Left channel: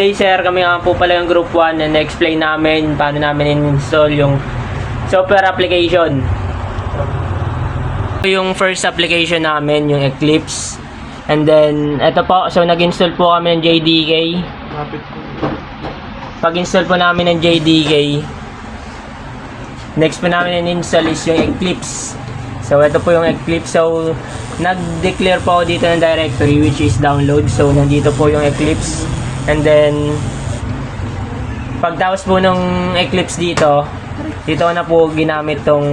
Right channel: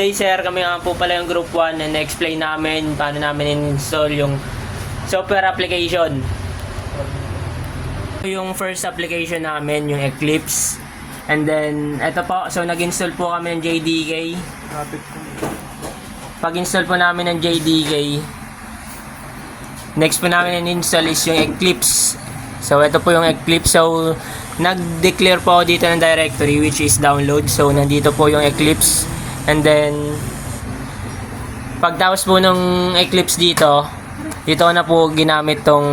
day sir, kami nga po pala yung group 1 and na-explain namin paano namin in-install yung software application. Yung first application namin, yung Eclipse. And then, eto po, so nag-install po kami ng JDK. Pag-install po namin ng JDK, next po namin in-install is yung Eclipse. So, ito po yung Eclipse. So, nag-declare po ako dito ng directory which is download. So, nandito po yung Eclipse. And then, pagtapos po ng Eclipse dito na po ginamit tong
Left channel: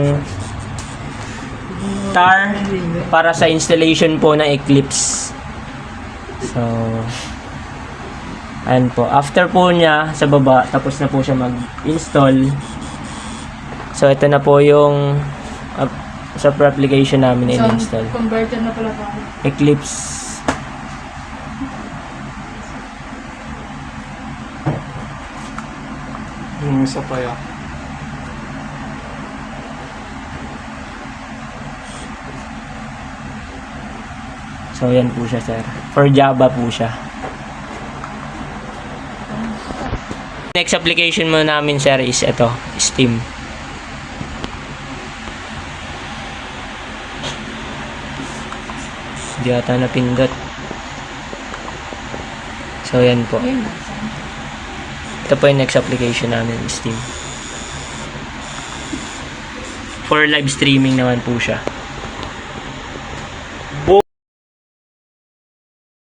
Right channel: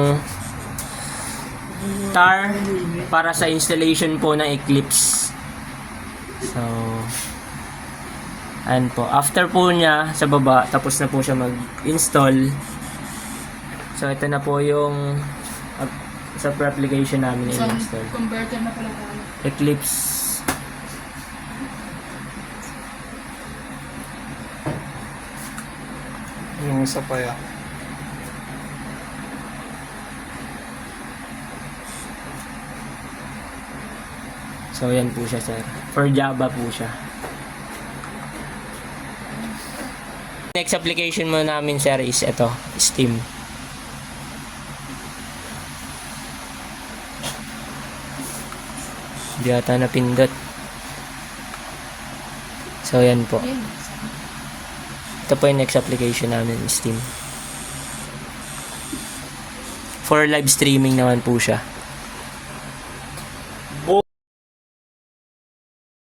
tar para sa installation po ng Eclipse. So, ayan po. After po niya sa baba, tapos na po siya mag-install. So, ito na po yung software application namin in-install. Converter na pala tayo. Eclipse. Yung isa pa yan. So, yan po siya, sir. For Java po siya. Next application mo namin, sir, is ito, Steam. Hindi ata napindot. So, yan po. Ito po yung next application namin, Steam. For live streaming naman po siya.